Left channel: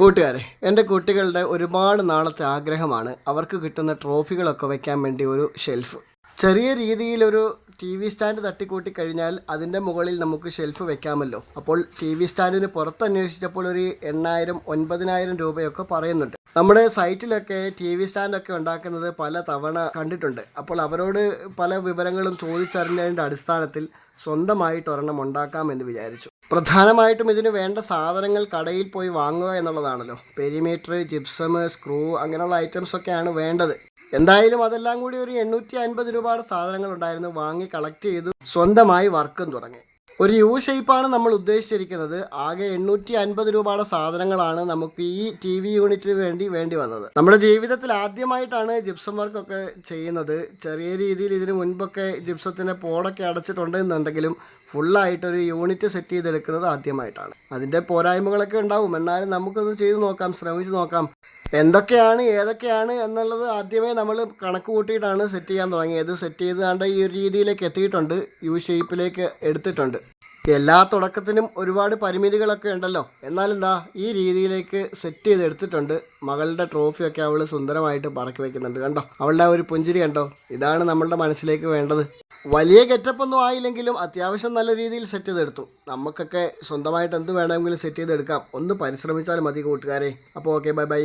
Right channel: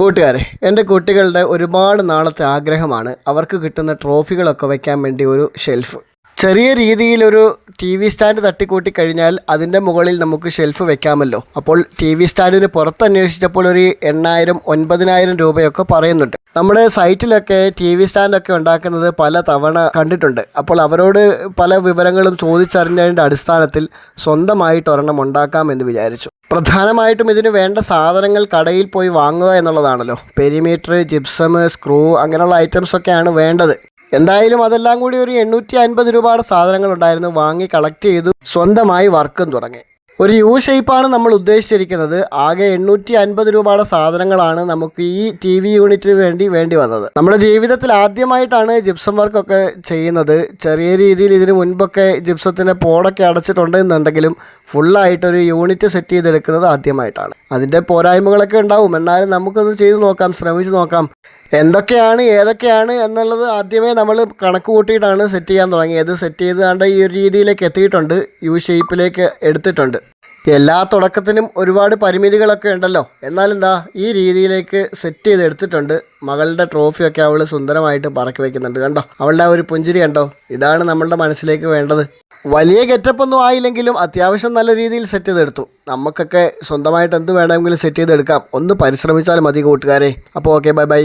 കൂട്ടുകാരെ, എൻ്റെ കുട്ടികളുടെ ഒരുപാട് നാളത്തെ ആഗ്രഹമാണ് അവർക്ക് കിട്ടുന്ന ട്രോഫികളൊക്കെ വയ്ക്കാൻ വേണ്ടി ഒരു ഷെൽഫ്. ചെറിയ രീതിയിലൊരു ടി വി സ്റ്റാൻഡ് തട്ടിക്കൂട്ടി കഴിഞ്ഞാൽ അതിൻ്റെ മുകളിൽ നമുക്ക് ഷെൽഫ് വെക്കാമല്ലോ. അപ്പോൾ ടി വി സ്റ്റാൻഡിന് പുറത്ത് അന്വേഷിച്ചപ്പോൾ ഒരു 8,000-9,000 രൂപയൊക്കെ പറയുന്നുണ്ട്. നമ്മുടെ സൈറ്റിലൊക്കെ ടി വി സ്റ്റാൻഡൊക്കെ ഉണ്ടാക്കുന്നത് പല തവണ കണ്ടിട്ടുണ്ട്. അപ്പോൾ അവരോട് പല വിവരങ്ങളും ചോദിച്ചറിഞ്ഞതിൻ്റെ അടിസ്ഥാനത്തിൽ സ്വന്തമായിട്ട് ഒരെണ്ണം ഉണ്ടാക്കാമെന്ന് വിചാരിച്ചു. പ്രധാനമായിട്ടും ഇതിന് വേണ്ട സാധനങ്ങൾ കടയിൽ പോയി വാങ്ങുക എന്നുള്ളതാണല്ലോ. പെരിമീറ്റർ, ജിപ്സം, സ്ക്രൂ അങ്ങനെയുള്ള ഐറ്റംസൊക്കെയാണ് വേണ്ടത്. എന്തായാലും അതെല്ലാം കൂടി ഒരു 850 രൂപയുടെ സാധനങ്ങളുണ്ടായിരുന്നു. വാങ്ങി കളക്ട് ചെയ്തു, സ്വന്തമായി വർക്കും തുടങ്ങി. ഒരു യു ഷേപ്പാണ് നമ്മൾ ഉദ്ദേശിച്ചിരിക്കുന്നത്. ആകെ 850 രൂപയുടെ സാധനങ്ങളാണ് നമുക്ക് ഈ ടി വി യൂണിറ്റിന് വേണ്ടി വന്നത്. നമ്മുടെ ജീവിതത്തിൽ ആദ്യമായിട്ടാണ് ജിപ്സം വർക്കൊക്കെ ചെയ്യുന്നത്. ചെറിയ രീതിയിൽ ഇതിന് മുൻപൊക്കെ ജിപ്സത്തിൻ്റെ പോടൊക്കെ അടച്ചിട്ടുണ്ടെന്നുണ്ടെങ്കിലും ഫുള്ളായിട്ടൊരു യൂണിറ്റ് സെറ്റ് ചെയ്തെടുക്കുന്നത് ആദ്യമായിട്ടാണ്. അതിൻ്റെ പോരായ്മകളൊക്കെ ഉണ്ടാവും, എന്നാലും നമുക്കൊന്ന് ചെയ്ത് നോക്കാം, ശ്രമിച്ച് നോക്കാം. എന്തൊക്കെയാണ് ഏതൊക്കെയാണ് എന്നുള്ളത് ആദ്യമേ നമ്മൾ കണക്ക് കൂട്ടിയിട്ടാണ് സെറ്റ് ചെയ്യാൻ തുടങ്ങിയത്. സെറ്റ് ചെയ്താണ്ട് ഈ ഒരു രീതിയിലേക്ക് എത്തിയിട്ടുണ്ട്, യു ഷേപ്പിലേക്ക് എടുത്തിട്ടുണ്ട്. എല്ലാ തുടക്കത്തിനും ഒരുപാട് പരിമിതികളൊക്കെ ഉണ്ടല്ലോ, എന്നാലെന്താ ഈ രീതിയിലേക്ക് സെറ്റ് ചെയ്ത് എടുത്തിട്ടുണ്ട്. മകളുടെ ട്രോഫിയൊക്കെ അവൾ സുന്ദരമായിട്ട് പറക്കി വയ്ക്കുന്നുണ്ട്. കണ്ടോ, അവളുടെ ആ ഒരു പുഞ്ചിരി കണ്ടോ, ഇതാണ് നമ്മളുടെ മനസ്സിലേക്ക് വേണ്ടത്. വലിയ ഗെറ്റപ്പൊന്നും ആയില്ലെങ്കിലും അത്യാവശ്യം നല്ല രീതിയിൽ സെറ്റ് ചെയ്തെടുത്തു. നമുക്കൊക്കെ സ്വന്തമായിട്ട് എന്ത് വേണമെങ്കിലും സെറ്റ് ചെയ്തെടുക്കാം. ഒന്ന് പരിശ്രമിച്ചാൽ മതി കൂട്ടുകാരെ. അപ്പോൾ ഓക്കെ, ബൈ ബൈ.